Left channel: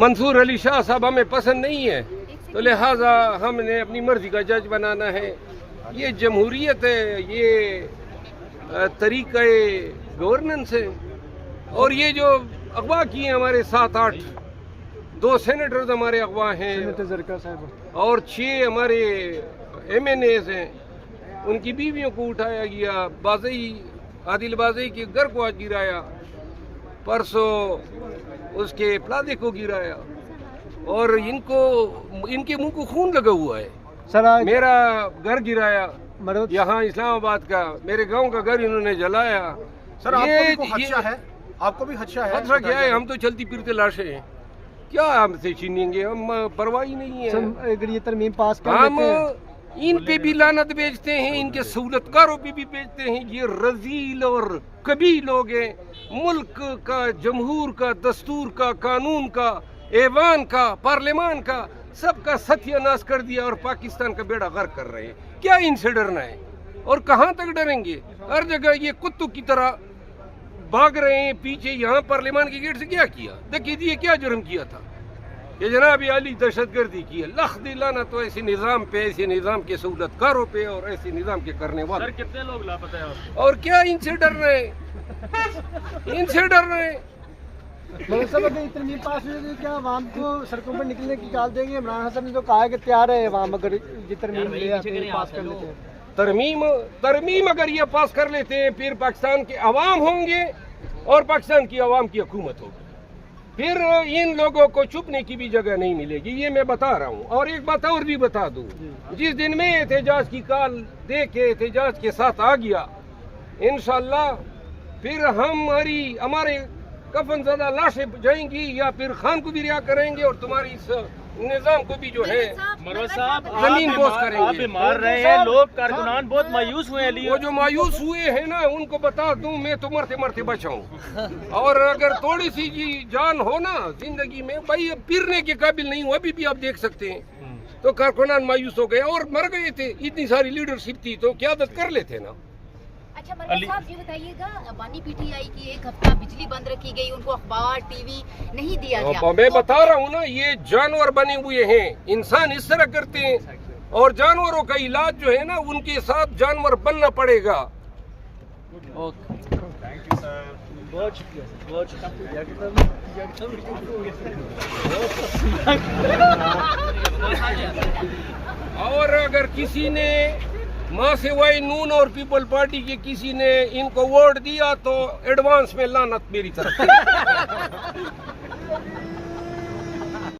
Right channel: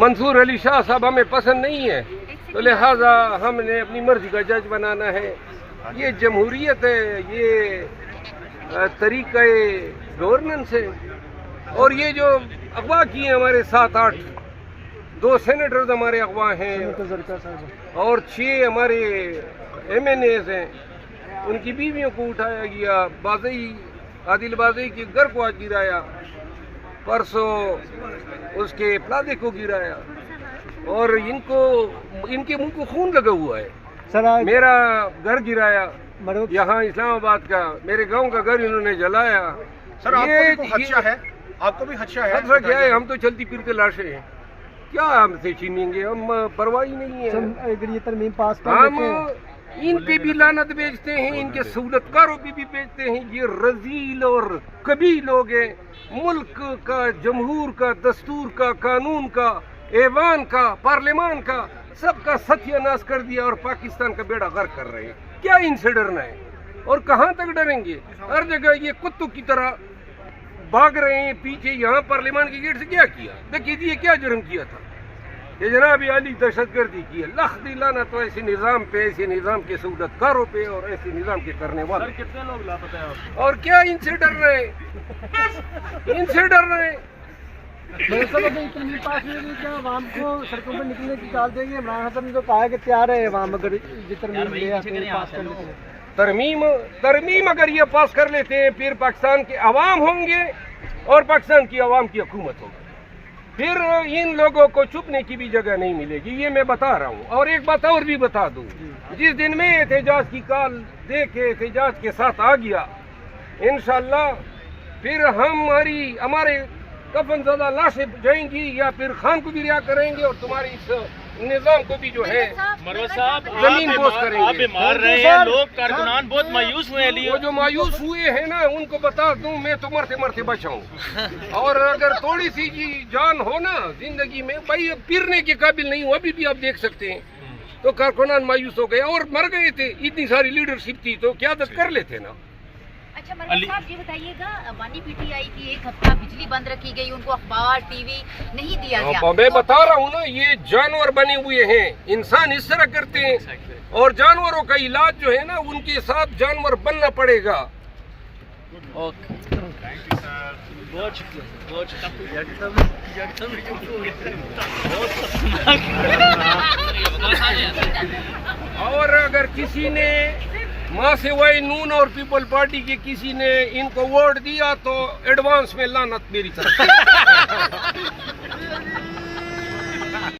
منصور علی شاہ صاحب ہمیں پسند نہیں ہے تو لہٰذا ہم نے اپنی مرضی کا جج بنانا ہے. یہ جمہوریت ہے, یہ طریقہ گورننس ہے. اور یہ جو اغوا کیے ہیں ہمارے 7-8 2 سینیٹرز ہمارے اغوا ہیں اور 6 ہمارے ایم این ایز ہیں, ان کی بیویوں کو اٹھایا گیا. بازئی عادل بازئی کے گھر کو آج گرایا, پرسوں اس کے پلادے کو گرایا, اور ان کے منہ کو خون لگا ہوا ہے. میرا گھر گرایا یہاں اسلام آباد کا, میرے گاؤں کا گھر انہوں نے جلایا. آپ کو بھی خدشہ ہے؟ خطرہ کیا ہے, ہم تو چلتی پھرتے لاشیں ہیں, کیا ہم سے چھینیں گے, ہم پرواہ نہیں ہے. اگر یہ ترمیم پاس کر ہم ان پہ بھی لعنت بیچتے ہیں, ان کے سہولت کاروں پہ بھی بیچتے ہیں. یہ رذیل اور کبھی لوگ ہیں. ملک کا, جمہور کا, دستور کا, قانون کا, ایوان کا, پارلیمان کا, سب کا ستیہ ناش کر دیا اور پاکستان کا بیڑا غرق کر رہے ہیں. کیا ان سے ڈرنا ہے اور کہاں تک ڈریں گے؟ ہر جگہ یہ کتوں کی طرح بھاگ رہے ہیں پیچھے. یہاں پارلیمان کے گیٹ سے کیا کیا دیکھیے, یہ کیا جرم کیا تھا, یہ جناب عالی دہشت گردی کی ہے. لخ دلانا تو ایسے نظام پہ, ایسے نظام کے سہولت کاروں پہ اور ایسے نظام کے کرنے والے. کتنے لوگ لاپتہ ہیں آپ؟ اور کیا ان سے ڈر رہے ہیں, ان سے ڈر رہے ہیں. ترمیم پاس ہوئی ہے, کیا عوام کو سڑکوں پر نکلنے کی کال دیں گے؟ عمران خان نے تو کہا ہے کہ تیار ہے عوام اگر یہ ترمیم پاس کر لیتے ہیں. ترمیم اگر یہ پاس کر لیتے ہیں پھر پاکستان کے عوام ہوں گے اور پاکستان کی عوام کی حکومت ہوگی. پھر ان لوگوں کو چھپنے کی بھی جگہ نہیں ملے گی, یہ میں بتا رہا ہوں. اور ایک بات اور بھی بتا دوں, جس دن میں احتجاج کی کال دے کے احتجاج کے ساتھ آ گیا, انشاءاللہ پھر ہمارے کفن زدہ لاشیں جائیں گی, یا پھر خان کو بھی رہا کریں گے اور تمہاری اس نظام کو بھی جو ہے زمین بوس کریں گے. مار رہے ہیں لوگ, کارکنان بہت مایوس ہوئے ہیں. وہ جو مایوس ہوئے ہیں نا, ان کو بتا دوں میں تو مرتے مرتے بچاؤں. اور اگر تھوڑی سی جان ہو نا زندگی میں, بھائی پھرنے کے قابل نہیں ہوں, ابھی بھی آپ دیکھ سکتے ہیں. تو کارکنان مایوس ہو گئے اور مر گئے تھے. اتنی ساری لیڈرشپ تھی تو قیادت کر لیتے نا. اچھا مروان صاحب یہ بتائیے گا, بانی پی ٹی آئی کی 1 ہفتہ بجلی بند رکھی گئی, ان کو اخبار ٹی وی نہیں دیا گیا. میں بتا رہا ہوں نا, یہ جانور بنے ہوئے ہیں. انسان اس طرح کرتے ہیں, اور جانوروں کا علاج جو ہے نا, ان کے ساتھ جانور بننا پڑے گا. اور اگر کسی نے ماں سے وائی نون اور پیپل پارٹی کے کسی نے ان کو ووٹ دیا تو ایڈوانس میں لعنت میری طرف.